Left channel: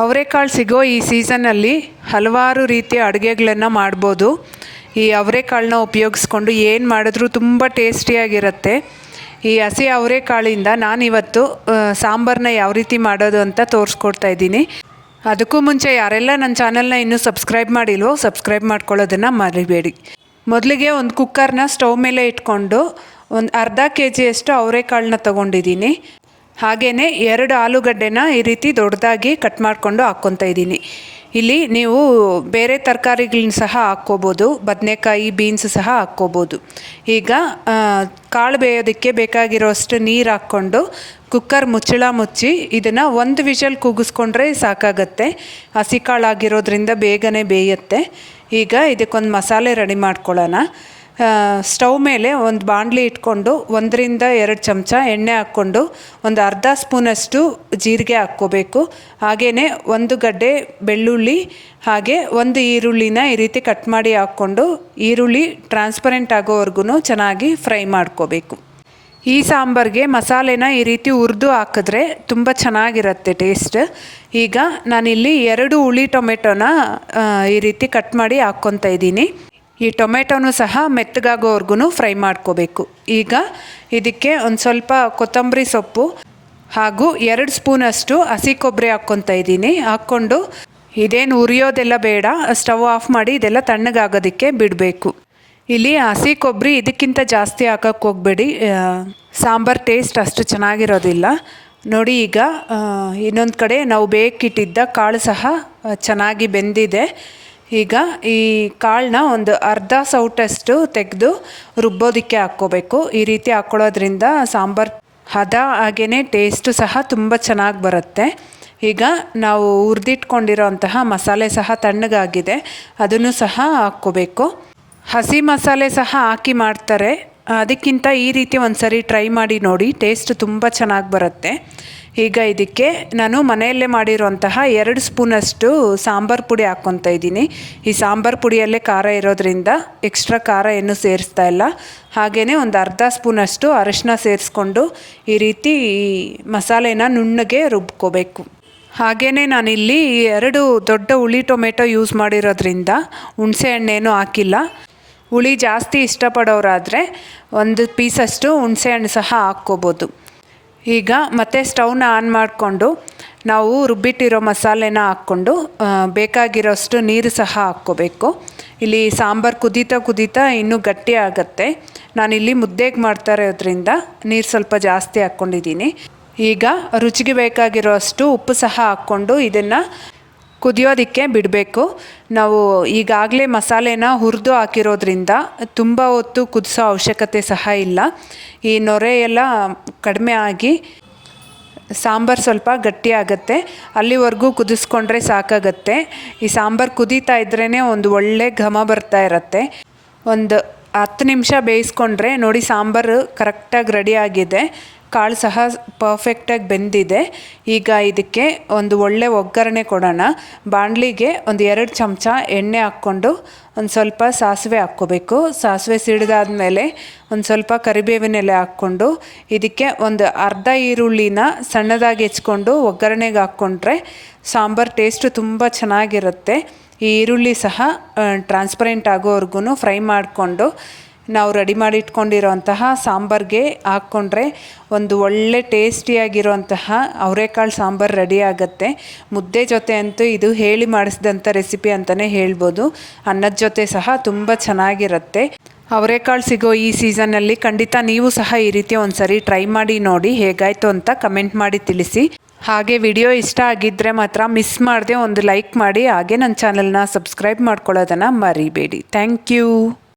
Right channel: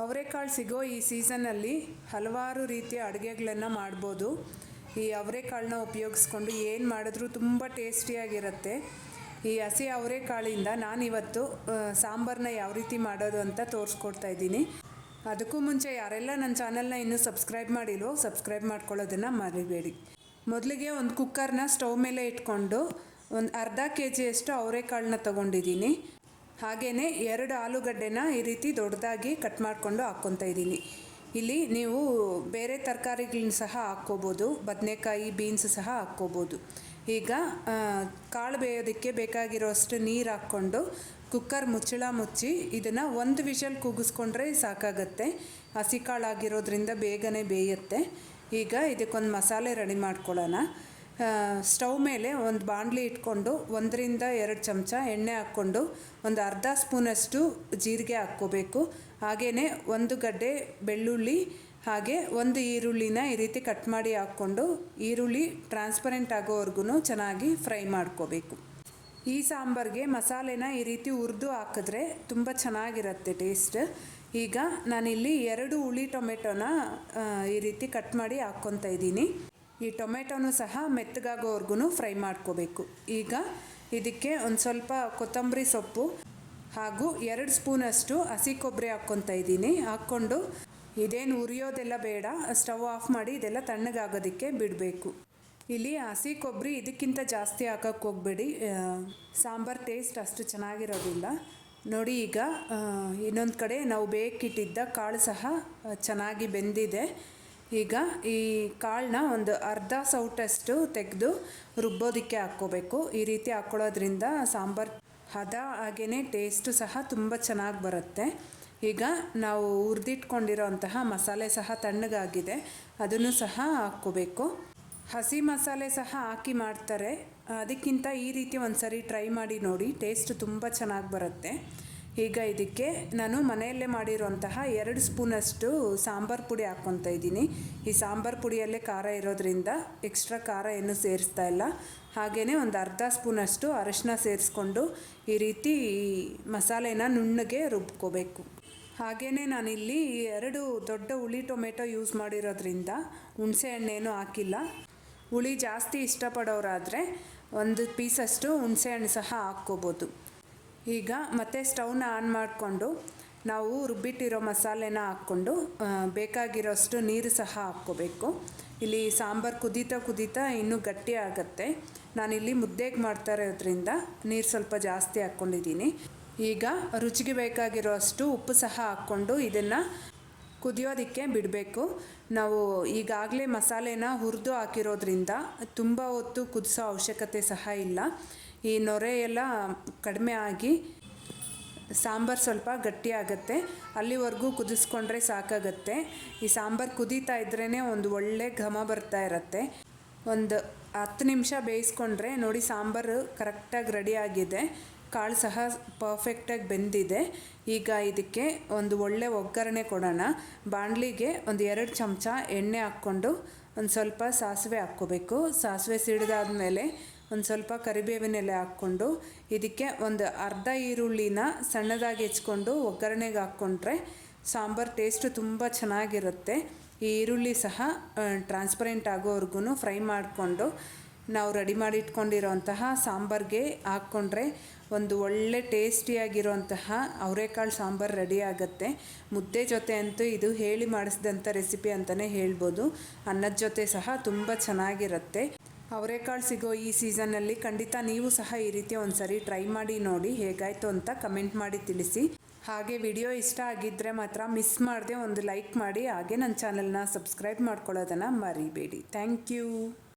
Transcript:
ಅವರೆಕಾಳು ಸಿಗೋ ಈ ಸೀಸನ್ನಲ್ಲಿ ಹಲವಾರು ರೀತಿಯ ಅಡುಗೆಗಳನ್ನು ಮಾಡ್ಬೋದು. ಈ ಅವರೆಕಾಳನ್ನ ಉಪಯೋಗಿಸ್ಕೊಂಡು ಏನು ಮಾಡಿದ್ರೂ ತುಂಬ ಟೇಸ್ಟಿಯಾಗಿರುತ್ತೆ. ಈ ಹಸಿ ಅವರೆಕಾಳಿಂದ ನಾನಿವತ್ತು ಸಾಂಬಾರನ್ನ ಯಾವ ರೀತಿ ಮಾಡೋದು ಅಂತ ತೋರಿಸ್ಕೊಡ್ತಾ ಇದ್ದೀನಿ. ಅದಕ್ಕೂ ಮುಂಚೆ ಯಾರೆಲ್ಲ ನನ್ನ ಚಾನಲ್ನ ಇನ್ನೂ ಸಬ್ಸ್ಕ್ರೈಬ್ ಮಾಡಿಲ್ವೋ ಸಬ್ಸ್ಕ್ರೈಬ್ ಮಾಡ್ಕೊಳ್ಳೋದನ್ನು ಮರಿಬೇಡಿ. ಮೊದಲಿಗೆ ಒಂದು ಕುಕ್ಕರ್ನ ಸ್ಟವ್ ಮೇಲೆ ಇಟ್ಕೊಂಡು ಒಂದು ಅರ್ಧ kg ಅವರೆಕಾಳನ್ನ ತೊಗೊಂಡಿದ್ದೀನಿ. ಹಾಗೆಯೇ 2 ಆಲೂಗಡ್ಡೆನ ಈ ರೀತಿ ದೊಡ್ಡದಾಗಿ ಕಟ್ ಮಾಡಿಕೊಂಡು ಹಾಕ್ಕೊತಾ ಇದ್ದೀನಿ. ಇಲ್ಲಿ ನೀವು ಬೇರೆ ತರಕಾರಿಗಳನ್ನ ಸಹ ಹಾಕ್ಕೋಬೋದು, ಬದನೆಕಾಯಿ, ಬೀನ್ಸ್ ಸಹ ಹಾಕ್ಕೋಬೋದು. ಈಗ ಕಾಳು ಬೇಯೋದಕ್ಕೆ ಬೇಕಾಗಿರೋಷ್ಟು ನೀರು ಹಾಕ್ಕೊಂಡು ಕುಕ್ಕರ್ ಮುಚ್ಚಳ ಮುಚ್ಚಿ ಇದನ್ನು 1 ವಿಷಲ್ ಕೂಗಿಸ್ಕೊಂಡ್ರೆ ಸಾಕಾಗತ್ತೆ. ಹಸಿ ಕಾಳಾಗಿರೋದ್ರಿಂದ ಬೇಗನೆ ಬೇಯುತ್ತೆ. ಈಗ ಇದಕ್ಕೊಂದು ಮಸಾಲೆ ರೆಡಿ ಮಾಡ್ಕೊಳ್ಳೋಣ. ಸ್ಟವ್ ಮೇಲೆ ಒಂದು ಬಾಣಲಿ ಇಟ್ಕೊಂಡು 1 ರಿಂದ 2 ಚಮಚ ಎಣ್ಣೆ ಹಾಕ್ಕೊಂಡು ಒಂದು ಅರ್ಧ ಸ್ಪೂನಷ್ಟು ಜೀರಿಗೆ ಹಾಕ್ಕೋಬೇಕು. ಹಾಗೆಯೇ 1 ಗಡ್ಡೆ ಬೆಳ್ಳುಳ್ಳಿ ಹಾಗೆ 1 ಈರುಳ್ಳಿನ ಈ ರೀತಿ ಕಟ್ ಮಾಡಿ ಹಾಕ್ಕೊಂಡು ಈರುಳ್ಳಿ ಟ್ರಾನ್ಸ್ಪರೆಂಟ್ ಆಗೋವರೆಗೂ ಚೆನ್ನಾಗಿ ಫ್ರೈ ಮಾಡ್ಕೋಬೇಕು. ಈ ಸಾಂಬಾರಿಗೆ ಮಸಾಲೆನ ಈ ರೀತಿ ಹುರಿದು ಹಾಕಿದ್ರೆ ತುಂಬ ಚೆನ್ನಾಗಿರುತ್ತೆ ಟೇಸ್ಟ್. ಈಗ ನಾನಿಲ್ಲಿ 2 ಹುಳಿ ಟೊಮೆಟೊನ ಈ ರೀತಿ ಕಟ್ ಮಾಡಿ ಹಾಕ್ಕೊತಾ ಇದ್ದೀನಿ. ಈ ಟೊಮೆಟೊನೂ ಸಹ ಮೆತ್ತಗಾಗೋವರೆಗೂ ಫ್ರೈ ಮಾಡ್ಕೋಬೇಕು. ಈಗ ಇದಕ್ಕೆ ಒಂದು ಸ್ವಲ್ಪ ಕೊತ್ತಂಬರಿ ಸೊಪ್ಪು ಹಾಗೂ 2 ಸ್ಪೂನಷ್ಟು ಹಸಿ ಕೊಬ್ಬರಿ ಹಾಕ್ಕೊತಾ ಇದ್ದೀನಿ. ಹಾಕ್ಕೊಂಡು ಇದೇನು ಉರಿಯೋದೆಲ್ಲ ಬೇಡ, ಸ್ಟವ್ ಆಫ್ ಮಾಡಿ ಇದೆಲ್ಲ ತಣ್ಣಗಾಗೋದಕ್ಕೆ ಬಿಡಬೇಕು. ಇಲ್ಲಿ ಹಸಿ ಕೊಬ್ಬರಿ ಇದಕ್ಕಿಂತ ಜಾಸ್ತಿ ಹಾಕೋಕ್ಕೆ ಹೋಗಬೇಡಿ, ಸಾಂಬಾರು ಟೇಸ್ಟ್ ಅಷ್ಟು ಚೆನ್ನಾಗಿರೋದಿಲ್ಲ. ನೋಡಿ, ಈಗ ಇನ್ನೊಂದು ಕಡೆ ನಾವು ಬೇಕಿಟ್ಟಿದ್ದ ಕಾಳು ಸಹ ಚೆನ್ನಾಗಿ ಬೆಂದಿದೆ. ಈಗ ಈ ಕಾಳನ್ನ ಒಂದು ಅರ್ಧ ಸೌಟಷ್ಟು ತೆಗೆದು ರುಬ್ಬೋದಕ್ಕೆ ಹಾಕ್ಕೋಬೇಕು. ಈ ರೀತಿ ಹಾಕ್ಕೊಳ್ಳೋದ್ರಿಂದ ಸಾಂಬಾರು ಹದ ಹಾಗೆಯೇ ಟೇಸ್ಟು ಸಹ ತುಂಬ ಚೆನ್ನಾಗಿ ಬರುತ್ತೆ. ಈಗ ನಾವು ಹುರಿದಿಟ್ಕೊಂಡಿರೋ ಅಂತಹ ಮಸಾಲೆ ಸಹ ತಣ್ಣಗಾಗಿದೆ, ಅದನ್ನು ಸಹ ಹಾಕ್ಕೋಬೇಕು. ಹಸಿ ಮಸಾಲೆ ಸಹ ಹಾಕಿ ಮಾಡ್ತಾರೆ, ಅದಕ್ಕಿಂತ ಈ ರೀತಿ ಒಂದು ಸರಿ ಟ್ರೈ ಮಾಡಿ ನೋಡಿ, ಟೇಸ್ಟ್ ತುಂಬ ಚೆನ್ನಾಗಿ ಬರುತ್ತೆ. ಈಗ ಇದಕ್ಕೆ ನಾನು ಮನೆಯಲ್ಲೇ ಮಾಡಿರೋಂತಹ 2 ಸ್ಪೂನಷ್ಟು ಸಾಂಬಾರು ಪುಡಿ ಹಾಕ್ಕೊತಾ ಇದ್ದೀನಿ. ಈ ಸಾಂಬಾರು ಪುಡಿಯಲ್ಲೇ ಖಾರ ಇರೋದ್ರಿಂದ ಎಕ್ಸ್ಟ್ರಾ ಖಾರ ಏನು ಸೇರಿಸ್ತಾ ಇಲ್ಲ. ಹಾಗೆಯೇ ಒಂದು ಅರ್ಧ ಸ್ಪೂನಷ್ಟು ಅರಿಶಿನ ಸೇರಿಸ್ಕೊಂಡು ಈ ರೀತಿ ಮಸಾಲೆನ ನುಣ್ಣಗೆ ರುಬ್ಕೋಬೇಕು. ಹಾಗೆಯೇ ನಾನಿಲ್ಲಿ 2 ದೊಡ್ಡ ಹುಳಿ ಟೊಮೆಟೊ ಯೂಸ್ ಮಾಡಿರೋದ್ರಿಂದ ಹುಣಸೆ ಹಣ್ಣೇನು ಹಾಕಿಲ್ಲ. ಹುಳಿ ಜಾಸ್ತಿ ಇಷ್ಟಪಡೋರಾದರೆ 1 ಪೀಸಷ್ಟು ಹುಣಸೆ ಹಣ್ಣು ಸಹ ಹಾಕ್ಕೋಬೋದು. ಈಗ ಮತ್ತೆ ಸ್ಟವ್ನ ಆನ್ ಮಾಡಿಕೊಂಡು ನಾವು ರುಬ್ಬಿಟ್ಟಿರೋ ಮಸಾಲೆನ ಹಾಕ್ಕೊಂಡು ಬೇಕಾಗಿರೋಷ್ಟು ನೀರು ಸಹ ಹಾಕ್ಕೋಬೇಕು. ಇಲ್ಲಿ ಸಾಂಬಾರು ಕುದೀತಾ ಇನ್ನೂ ಗಟ್ಟಿ ಆಗುತ್ತೆ. ನಾನಿಲ್ಲಿ ಮುದ್ದೆಗೆ ಮಾಡ್ತಾ ಇರೋದ್ರಿಂದ ನೀರು ಸ್ವಲ್ಪ ಜಾಸ್ತಿ ಹಾಕ್ಕೊಂಡಿದ್ದೀನಿ. ಈಗ ರುಚಿಗೆ ಬೇಕಾಗಿರೋ ಅಷ್ಟು ಉಪ್ಪು ಸಹ ಹಾಕ್ಕೊಂಡು ಇದನ್ನು ಕುದಿಯೋದಕ್ಕೆ ಬಿಡಬೇಕು. ನಾವು ಈಗಾಗಲೇ ಮಸಾಲೆನ ಹುರಿದು ಹಾಕಿರೋದ್ರಿಂದ ತುಂಬ ಹೊತ್ತು ಕುದಿಸೋ ಅವಶ್ಯಕತೆ ಸಹ ಇಲ್ಲ. ಈ ನೊರೆ ಎಲ್ಲ ಕಡಿಮೆ ಆಗಿ ಸಾಂಬಾರು ಸ್ವಲ್ಪ ಗಟ್ಟಿಯಾಗತ್ತೆ, ಅಲ್ಲಿವರೆಗೂ ಕುದಿಸ್ಕೊಂಡ್ರೆ ಸಾಕಾಗತ್ತೆ. ಈ ಸಾಂಬಾರು ಕುದೀತಾ ಇದ್ರೇ ಒಂದು ಒಳ್ಳೆ ಘಮ ಬರ್ತಾ ಇರತ್ತೆ. ಒಂದು 10 ನಿಮಿಷ ಬೇಯಿಸ್ಕೊಂಡ್ರೆ ನೋಡಿ, ಸಾಂಬಾರು ಕರೆಕ್ಟಾಗಿ ರೆಡಿಯಾಗಿದೆ. ಕಾಳು ಸಹ ಪರ್ಫೆಕ್ಟಾಗಿ ಬೆಂದಿದೆ. ಈಗ ಇದಕ್ಕೆ ಒಂದು ಒಳ್ಳೆ ಒಗ್ಗರಣೆ ಕೊಡೋಣ. ಬಾಣಲಿಗೆ ಒಂದು 2 ಚಮಚ ಎಣ್ಣೆ ಹಾಕ್ಕೊಂಡು ಒಂದು ಸ್ವಲ್ಪ ಸಾಸಿವೆ ಹಾಕ್ಕೋಬೇಕು. ಸಾಸಿವೆ ಸಿಡಿದಾದ್ಮೇಲೆ ಒಂದು ಸ್ವಲ್ಪ ಕರಿಬೇವಿನ ಎಲೆ ಹಾಕ್ಕೊಂಡು ಇದಕ್ಕೆ ಒಂದು ಅರ್ಧ ಈರುಳ್ಳಿನ ಸಣ್ಣದಾಗಿ ಹೆಚ್ಕೊಂಡು ಒಗ್ಗರಣೆಗೆ ಹಾಕ್ಕೊಂಡ್ರೆ ಸಾಂಬಾರು ಟೇಸ್ಟು ತುಂಬ ಚೆನ್ನಾಗಿರುತ್ತೆ. ಈ ಈರುಳ್ಳಿ ಸಹ ಟ್ರಾನ್ಸ್ಪರೆಂಟ್ ಆಗೋವರೆಗೂ ಫ್ರೈ ಮಾಡಿಕೊಂಡು ನಾವು ರೆಡಿ ಮಾಡಿ ಇಟ್ಕೊಂಡಿರೋಂತಹ ಸಾಂಬಾರಿಗೆ ಹಾಕ್ಕೊಂಡ್ರೆ ಒಂದು ಒಳ್ಳೆ ಟೇಸ್ಟಿಯಾಗಿರೋಂತಹ ಅವರೆಕಾಳು ಸಾಂಬಾರು ರೆಡಿ ಆಗುತ್ತೆ. ಮುದ್ದೆ ಜೊತೆ ಅಂತೂ ಇದು ಹೇಳಿ ಮಾಡಿಸಿದಂಥ ರೆಸಿಪಿ ಅಂತಲೇ ಹೇಳ್ಬೋದು. ಅನ್ನದ ಜೊತೆ ಸಹ ತುಂಬ ಚೆನ್ನಾಗಿರುತ್ತೆ. ಅವರೆಕಾಳು ಸಿಗೋ ಈ ಸೀಸನ್ನಲ್ಲಿ ಖಂಡಿತ ನೀವು ಸಹ ಈ ರೀತಿ ಒಂದು ಸರಿ ಟ್ರೈ ಮಾಡಿ ನೋಡಿ, ಹೇಗಾಯಿತು ಅಂತ ಕಮೆಂಟ್ ಮಾಡಿ ತಿಳಿಸಿ. ಹಾಗೆ ವಿಡಿಯೋ ಇಷ್ಟ ಆಗಿದ್ದರೆ ಮಾತ್ರ ಮಿಸ್ ಮಾಡದೆ ಒಂದು ಲೈಕ್ ಮಾಡಿ, ಹಾಗೆ ನನ್ನ ಚಾನಲ್ನ ಸಬ್ಸ್ಕ್ರೈಬ್ ಮಾಡ್ಕೊಳ್ಳೋದನ್ನು ಮರಿಬೇಡಿ. Thank you.